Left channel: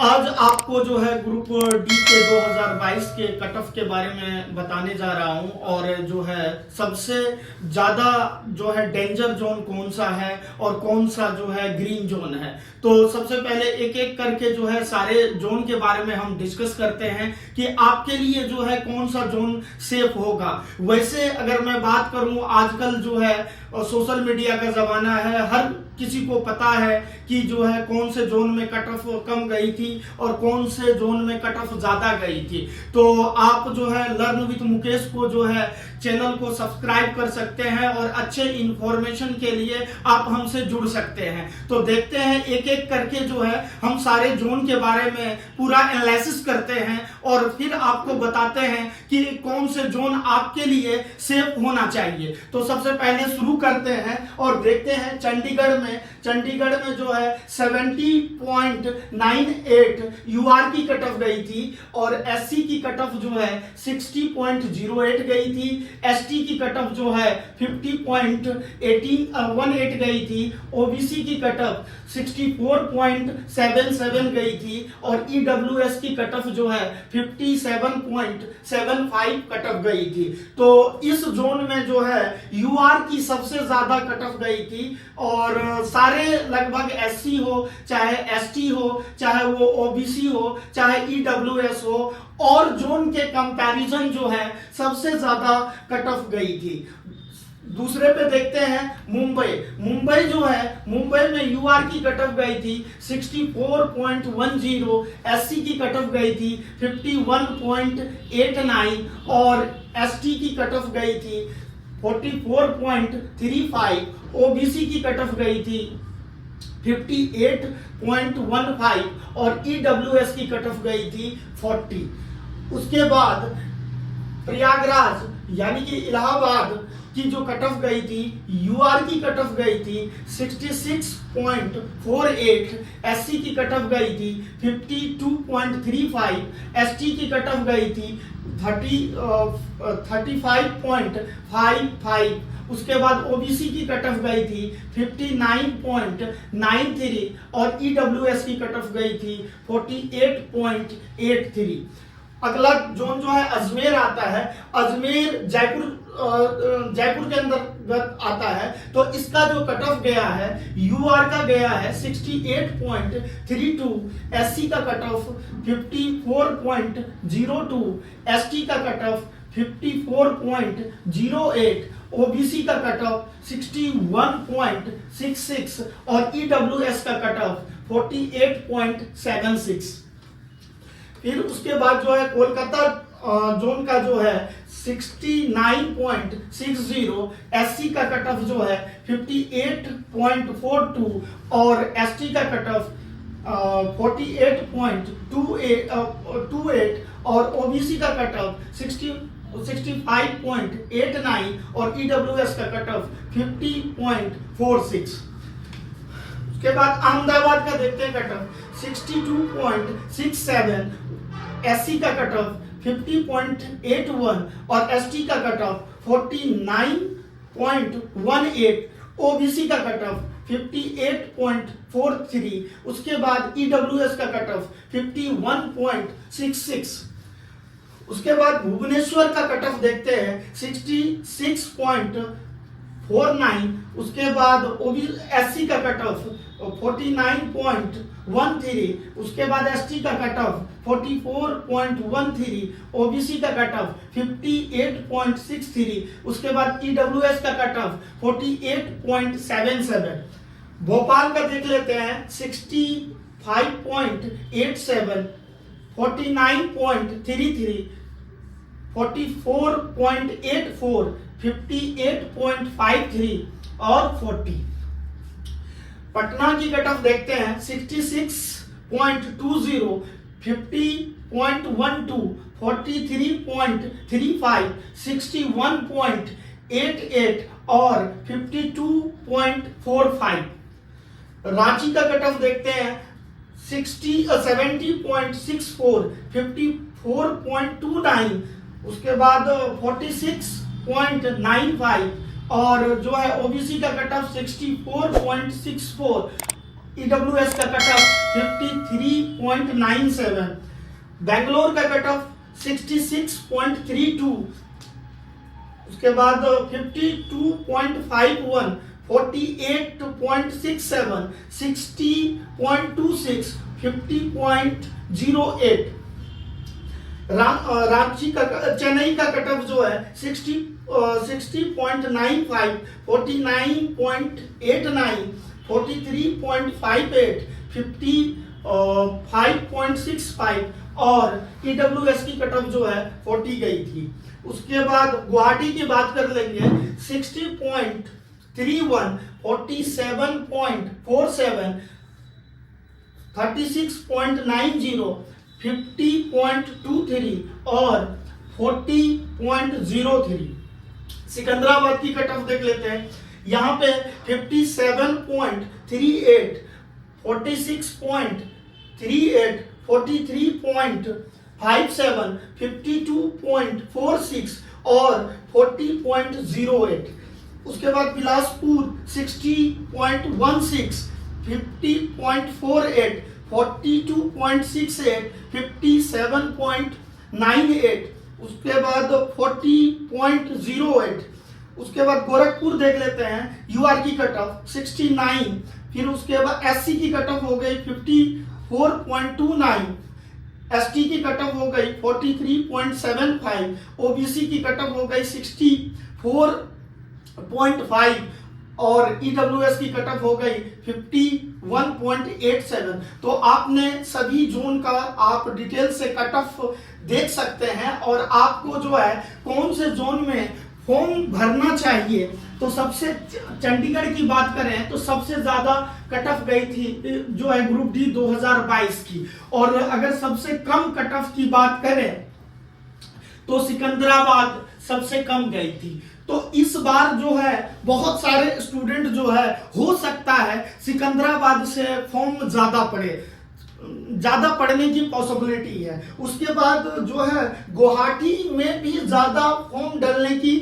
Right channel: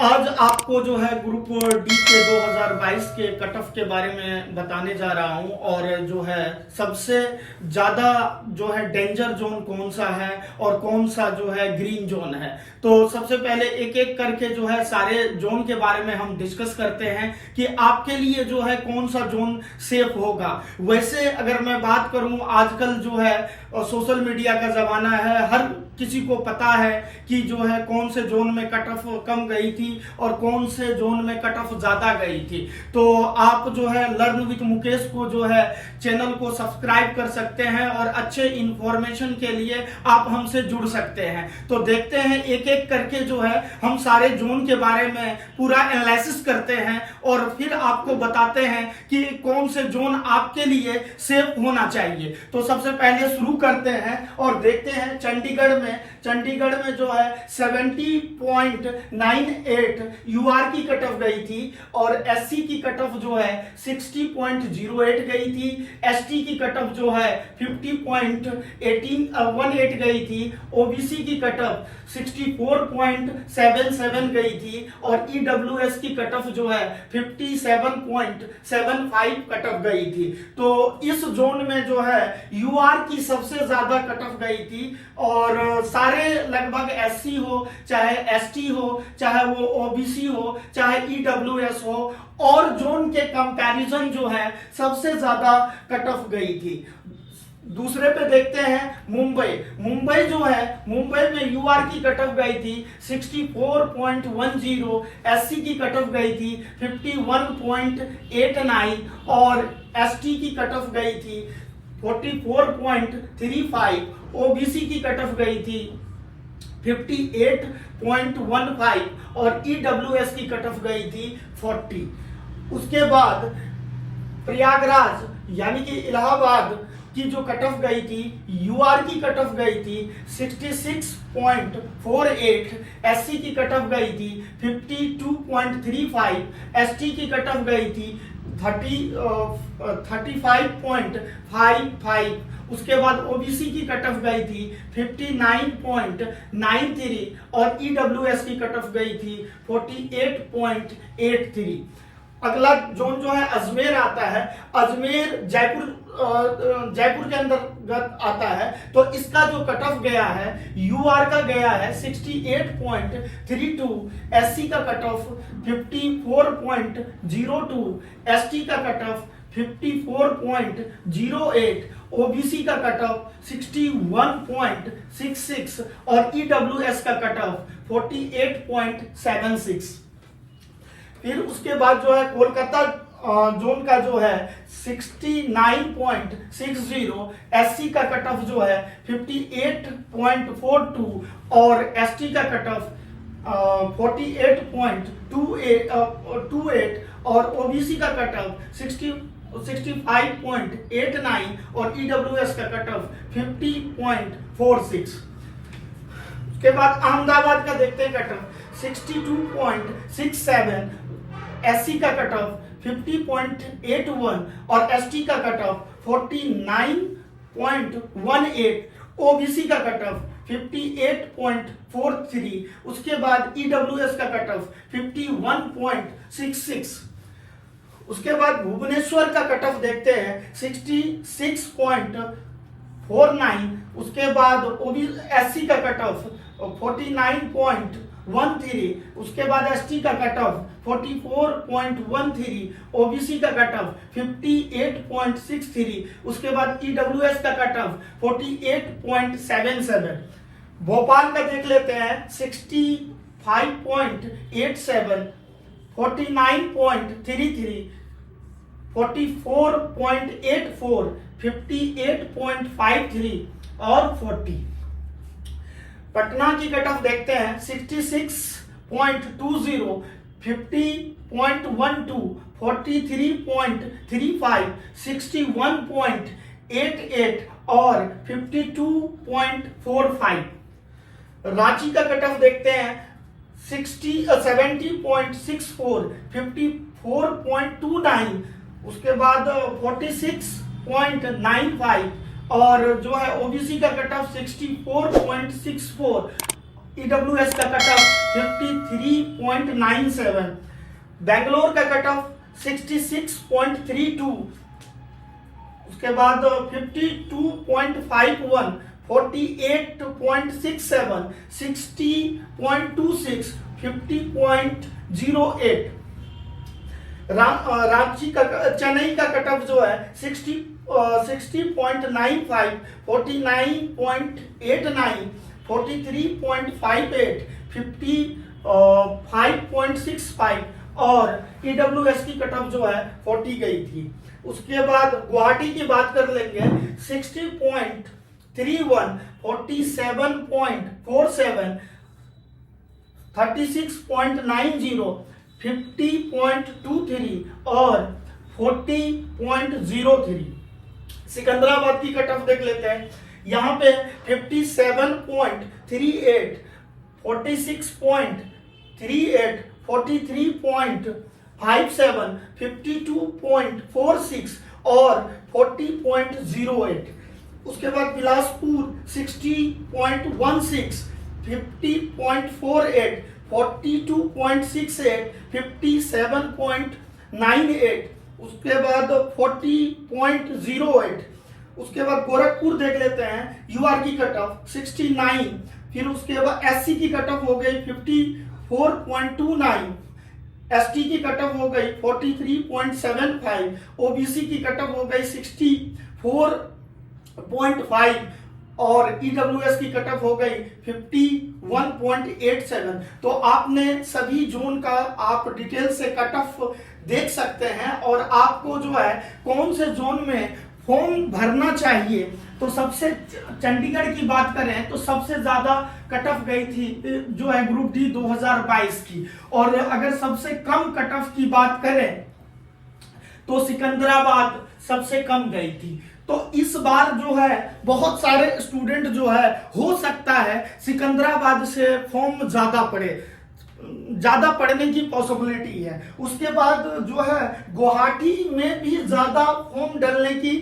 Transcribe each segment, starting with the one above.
आज आपको जो है ग्रुप डी के 2022 के कट ऑफ के बारे में बताने जा रहा हूं और जो है सबसे ज्यादा जो है डेंजर जोन कौन सा है और कौन सा जो है ग्रीन जोन है। तो सबसे पहले एक एक करके जो है सारे जोन के बारे में हम डिस्कस करते हैं कि आपके लिए जो है कौन सा जोन सेफ होगा। वैसे अगर मैं बात करूं, आजकल जो है सोशल मीडिया का जमाना है, हर किसी को पता है कि जो है कौन से जोन में कट ऑफ कम गई थी और कौन से जोन में कट ऑफ ज्यादा गई थी। तो आप जो है लर्न विद मुकेश को जो है चैनल को सब्सक्राइब कर सकते हैं और अच्छे इंफॉर्मेशन के लिए आप हमसे जुड़ सकते हैं। तो देखते हैं एक एक करके जो है हम सारे जोन के बारे में पूरा एनालिसिस करते हैं और फिर आपको बताते हैं कि कौन से जोन आपके लिए सेफ होना चाहिए। तो सबसे पहले शुरू करते हैं और देखते हैं चंडीगढ़ में जो है 70.98 यूआर की कट ऑफ गई थी और एससी की कट ऑफ जो है 60.08 गई थी। एसटी की कट ऑफ जो है 50.18 गई थी। ओबीसी की कट ऑफ 64.77 गई थी और ईडब्ल्यूएस की कट ऑफ जो है 57.75 कट ऑफ गई थी। तो इस जोन में जो है यूआर की सबसे ज्यादा कट ऑफ गई थी और सारे लगभग एससी हो चाहे एसटी हो चाहे वो ओबीसी हो चाहे ईडब्ल्यूएस हो और जोन के कंपैरिजन जो है सबसे ज्यादा कट ऑफ गई थी। दूसरे पे देखते हैं मुंबई जो है, मुंबई में यूआर की कट ऑफ गई थी 64.10, एससी की कट ऑफ गई थी 51.89 और एसटी की कट ऑफ गई थी 44.35, ओबीसी की कट ऑफ गई थी 58.15 और ईडब्ल्यूएस की कट ऑफ गई थी 40। उसके बाद प्रयागराज यानी कि इलाहाबाद की जो कट ऑफ गई थी, यूआर की कट ऑफ गई थी 66.48, एससी की कट ऑफ गई थी 52.35, एसटी की कट ऑफ गई थी 35.55। उसके बाद ओबीसी की कट ऑफ गई थी 59.93 और ईडब्ल्यूएस की कट ऑफ गई थी 48.83। अगला जोन जो है अजमेर आता है। अजमेर जयपुर के अंतर्गत आता है। तो इसका जो कट ऑफ गया है यूआर का गया है 68.32, एससी का कट ऑफ 54.02, एसटी का कट ऑफ 54.08, ओबीसी का कट ऑफ 61.66 और ईडब्ल्यूएस का कट ऑफ 48.76। फिर उसके बाद जो है कोलकाता जोन का जो है 69.60, एससी का कट ऑफ जो है 58.42 और एसटी का कट ऑफ 48.28 और ओबीसी का कट ऑफ 65.89 और ईडब्ल्यूएस का कट ऑफ 50.46। उसके बाद अहमदाबाद का देखते हैं कट ऑफ 62.67, एससी का कट ऑफ 50.81 और एसटी का कट ऑफ 49.18, ओबीसी का कट ऑफ 58.43। उसके बाद ईडब्ल्यूएस का कट ऑफ 51.66। उसके बाद भुवनेश्वर का कट ऑफ देखते हैं 66.49। उसके बाद एससी का कट ऑफ 49.13। उसके बाद एसटी का कट ऑफ 44.13, ओबीसी का कट ऑफ 58.63। उसके बाद ईडब्ल्यूएस का कट ऑफ 48.77। भोपाल का देख लेते हैं 65.87, 49.33, 44.84, 58.53 और 40। पटना की कट ऑफ देखते हैं 66.20, 50.12, 43.35, 61.88 और 52.45। रांची का कट ऑफ देखते हैं 70.64, 54.29। उसके बाद 46.95 और जो है ओबीसी का कट ऑफ 64.64, ईडब्ल्यूएस का कट ऑफ 66.97, बेंगलोर का कट ऑफ 66.32, उसके बाद 52.51, 48.67, 60.26, 50.08। रांची का चेन्नई का कट ऑफ जो है 60.95, 49.89, 43.58, 55.65 और EWS की कट ऑफ जो है 40 गई थी। उसके बाद गुवाहाटी की बात कर लेंगे 60.31, 47.47, 36.90, 50.23 और 40.03। सिकंदराबाद की कट ऑफ देख लेते हैं, यहाँ पे 57.38, 46.38, 43.57, 52.46 और 40.08। उसके बाद बिलासपुर 60.16, 50.48, 42.68, 57.98, उसके बाद 40.08। उसके बाद गोरखपुर देख लेते हैं, यूआर की कट ऑफ 69, फिर उसके बाद एससी की कट ऑफ हो गई 54.29, एसटी की कट ऑफ हो गई 43.75, ओबीसी की कट ऑफ हो गई 64.5 और ईडब्ल्यूएस की कट ऑफ हो गई 51.87। तो आपने सभी जोन का आप डिटेल से कट ऑफ देख सकते हैं और आपको जो है कौन से जोन में फॉर्म भरना चाहिए। तो सबसे चंडीगढ़ की बात करें तो सबसे ज्यादा कट ऑफ गई थी जो है ग्रुप डी 2022 की, और अगर सबसे कम कट ऑफ की बात करें तो सिकंदराबाद सबसे कम गई थी। तो इस बार जो है बहुत सारे स्टूडेंट जो है हो सकता है सिकंदराबाद से फॉर्म ज्यादा पढ़ने की पॉसिबिलिटी है। उसके बाद जो है गुवाहाटी में भी ज्यादा फॉर्म डलने की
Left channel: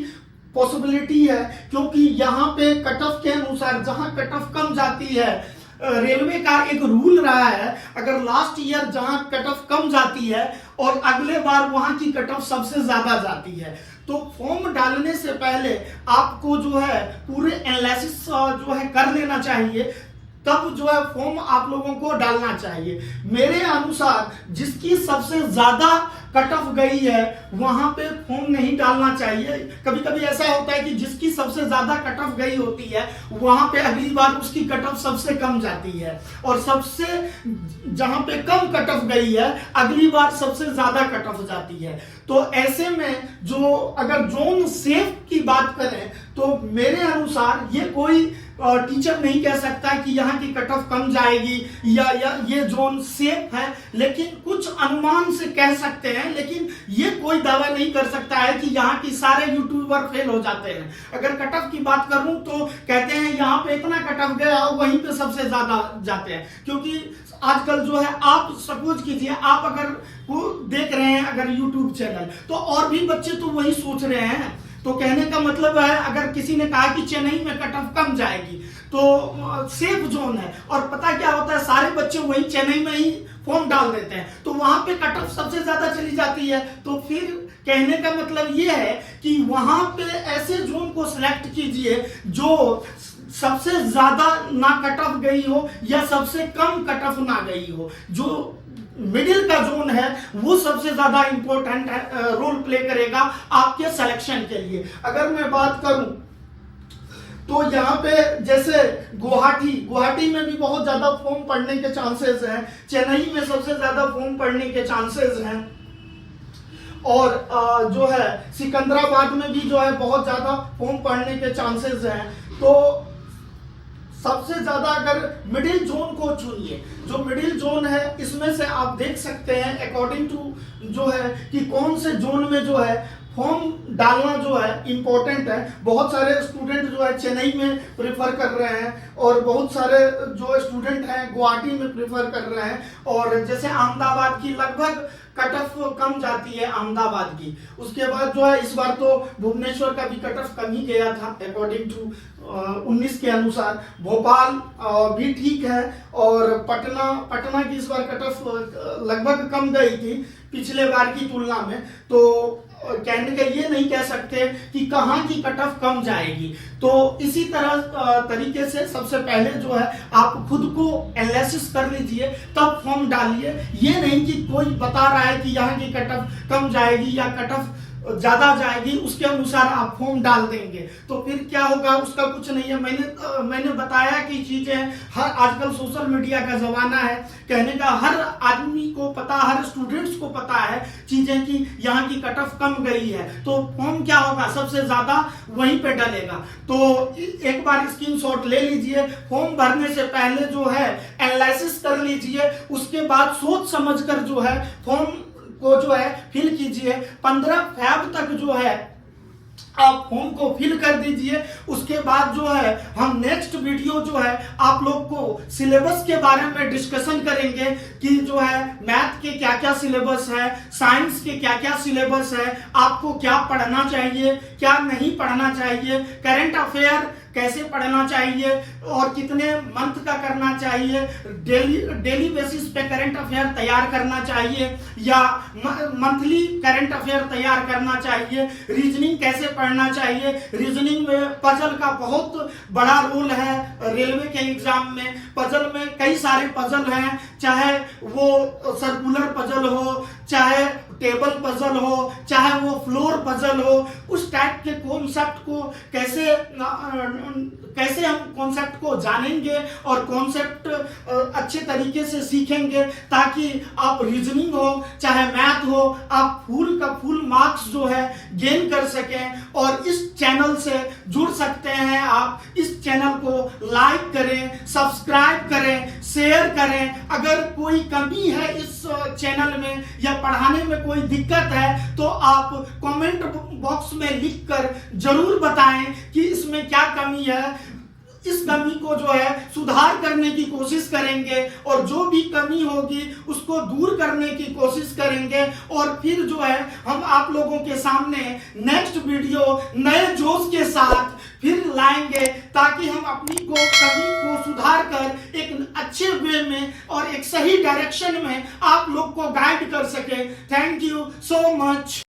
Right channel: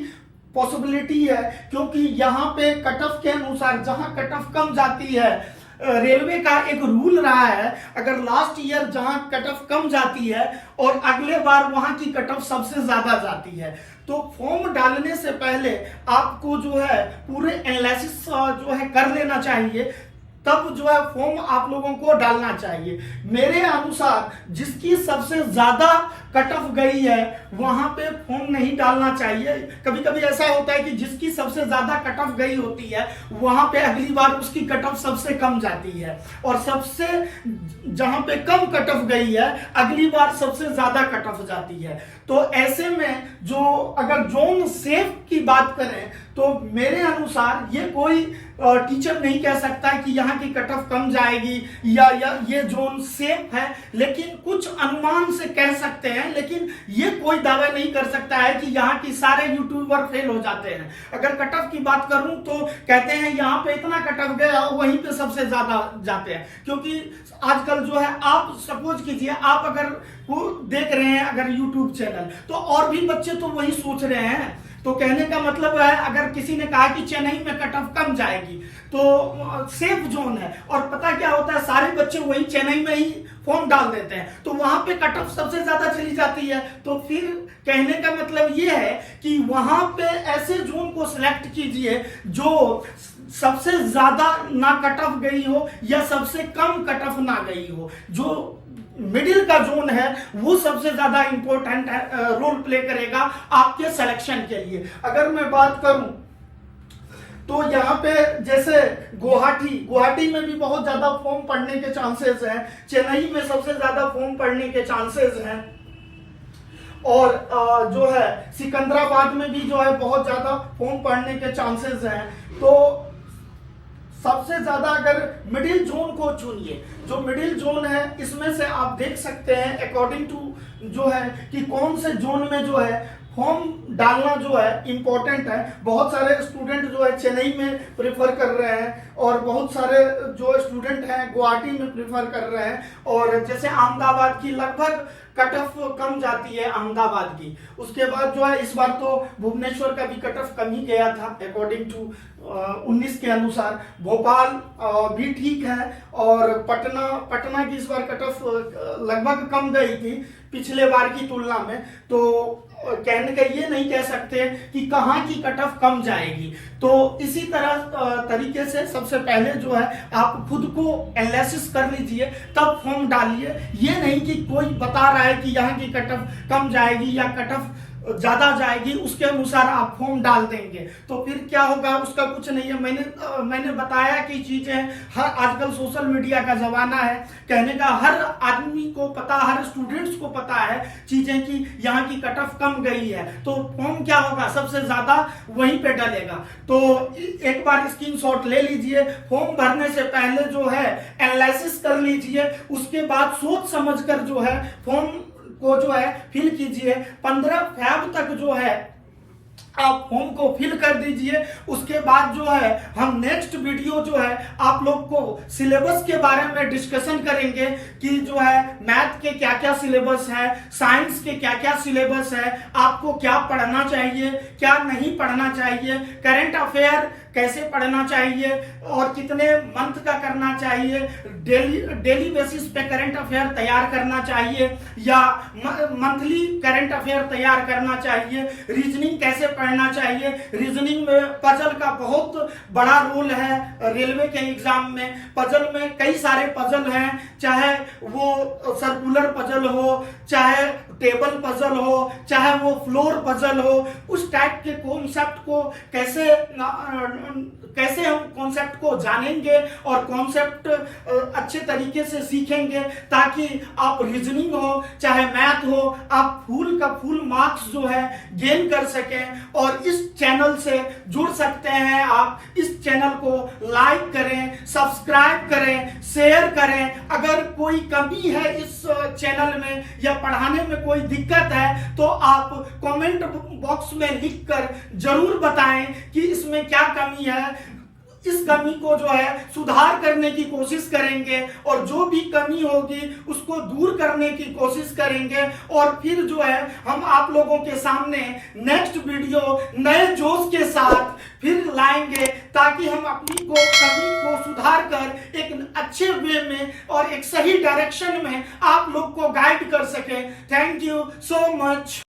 पॉसिबिलिटी है, क्योंकि यहाँ पे कट ऑफ के अनुसार जहां कट ऑफ कम जाती है, रेलवे का एक रूल रहा है, अगर लास्ट ईयर जहां कट ऑफ कम जाती है और अगले बार वहां की कट ऑफ सबसे ज्यादा जाती है, तो फॉर्म डालने से पहले आपको जो है पूरे एनालिसिस जो है कर लेना चाहिए, तब जो है फॉर्म आप लोगों को डालना चाहिए। मेरे अनुसार जिसकी सबसे ज्यादा कट ऑफ गई है वहां पे फॉर्म नहीं डालना चाहिए। कभी कभी ऐसा होता है कि जिसकी सबसे ज्यादा कट ऑफ गई होती है वहां पे अगली बार उसकी कट ऑफ सबसे कम जाती है, और सबसे जहां पे कम कट ऑफ गई है अगली बार सबसे ज्यादा कट ऑफ जाती है। तो ऐसे में जो अगर जोन सेफ की बात करें तो मेरे अनुसार ये कोई टीचर नहीं कह सकता कि यहाँ की कट ऑफ कम जाएगी या ये जोन सेफ है, लेकिन कुछ अनुमान से कह सकते हैं, लेकिन ये कोई दावा नहीं कर सकता है कि यहाँ की सारे यूट्यूबर फेल हो जाते हैं। अगर कट ऑफ की बात करूं तो कहते हैं यहाँ पे इतना कट ऑफ गया वहीं पे सबसे ज्यादा जाते हैं, क्योंकि आजकल जो है आप सपोज कीजिए आप अगर वो देख रहे हैं अगर यूट्यूब चैनल, तो और भी बच्चे तो वही सोच रहे हैं। तो कहने का मतलब है अगर किसी ने कहा कि चेन्नई में कट ऑफ कम जाएगी तो सेफ जोन है, और पता क्या होता है सारे बच्चे वही चेन्नई में ही फॉर्म डाल देते हैं, तो वहां पे कट ऑफ सबसे ज्यादा चली जाती है। तो फिर कहने का मतलब ये है कि वहां पे ऐसे जोन को सिलेक्ट कीजिए जो सबसे ज्यादा ना कट ऑफ गई हो या सबसे कम कट ऑफ ना गई हो। जो मिडिल का जोन है वो सबसे ज्यादा इंपॉर्टेंट रोल प्ले करेगा आपके सिलेक्शन के लिए। अगर मैं बात करूं तो यहाँ पे जैसे गुवाहाटी में भी बहुत ज्यादा फॉर्म पढ़ने के चांसेस हैं, चेन्नई में सबसे ज्यादा फॉर्म पढ़ने के चांसेस हैं, और जो है सिकंदराबाद में भी जो है बहुत ज्यादा फॉर्म पढ़ने के चांसेस हैं। तो सबसे ज्यादा अगर मिडिल जोन को चुनिए, जो मिडिल जोन है इसमें से आप देख सकते हैं अकॉर्डिंग टू जो है कि कौन से जोन में जो है फॉर्म डालना जो है इम्पोर्टेंट है। बहुत सारे स्टूडेंट जो है चेन्नई में प्रेफर कर रहे हैं और बहुत सारे जो स्टूडेंट हैं गुवाहाटी में प्रेफर कर रहे हैं। और जैसे अहमदाबाद की लगभग कट ऑफ कम जाती है अहमदाबाद की। उसके बाद जो है इस बार तो भुवनेश्वर का भी कट ऑफ कम ही गया था अकॉर्डिंग टू 19 के अनुसार। भोपाल भी ठीक है और पटना की इस बार कट ऑफ लगभग कम गई थी पिछले बार की तुलना में। तो कहने का ये नहीं कह सकते कि कहाँ की कट ऑफ कम जाएगी। तो इसी तरह तरीके से सबसे पहले जो है आप खुद को एनालिसिस कर लीजिए तब फॉर्म डालिए। ये नहीं कि कोई बता रहा है कि यहाँ की कट ऑफ कम जाएगी या कट ऑफ ज्यादा जाएगी उसके अनुसार आप फॉर्म डाल देंगे तो फिर क्या होगा उसका कुछ नहीं है। मैंने बताया कि चीजें हर आजकल सोशल मीडिया का जमाना है, कहने का हर आदमी को पता, हर स्टूडेंट्स को पता है चीजें कि यहाँ की कट ऑफ कम गई है तो फॉर्म क्या होगा सबसे ज्यादा वहीं पे डलेगा। तो एक बार स्क्रीनशॉट ले लीजिए, फॉर्म भरने से पहले जो है एनालिसिस कर लीजिए, उसके बाद सोच समझकर जो है फॉर्म को जो है फिल कीजिए। 15 फरवरी तक जो है आप फॉर्म को फिल कर दीजिए। उसके बाद जो है हम नेक्स्ट वीडियो जो है आप लोग को सिलेबस के बारे में डिस्कशन करेंगे कि जो है मैथ के क्या क्या सिलेबस है, साइंस के क्या क्या सिलेबस है, आपको क्या पढ़ना चाहिए क्या नहीं पढ़ना चाहिए, करंट अफेयर कैसे पढ़ना चाहिए और कितने मंथ का करना चाहिए, डेली बेसिस पे करंट अफेयर तैयार करना चाहिए या मंथली करंट अफेयर तैयार करना चाहिए, रीजनिंग कैसे पढ़ना चाहिए। रीजनिंग में पजल का बहुत बड़ा रोल है। रेलवे के एग्जाम में पजल में कई सारे पजल हैं, चाहे वो सर्कुलर पजल हो, चाहे टेबल पजल हो, चाहे वो फ्लोर पजल हो। उस टाइप के कॉन्सेप्ट को कैसे हम कॉन्सेप्ट को जानेंगे और कॉन्सेप्ट अच्छे तरीके से सीखेंगे ताकि आप रीजनिंग हो चाहे मैथ हो आप फुल का फुल मार्क्स जो है गेन कर सकें। और इस चैनल से जुड़ सकते हैं आप। इस चैनल को लाइक करें, सब्सक्राइब करें, शेयर करें। अगर कोई कमी है इस चैनल में या पढ़ाने में कोई दिक्कत है तो आप कमेंट बॉक्स में लिखकर जरूर बताएं कि इसमें क्या कमी है। इस कमी को जो है सुधार करने की कोशिश करेंगे और जो भी कमी होगी उसको दूर करने की कोशिश करेंगे। और फिर जो है हम आप लोगों के सामने नेक्स्ट वीडियो नए जोश के साथ फिर लाएंगे ताकि हम अपनी कमी को सुधार कर एक अच्छे वे में और एक सही डायरेक्शन में आप लोग को गाइड कर सके। Thank you so much.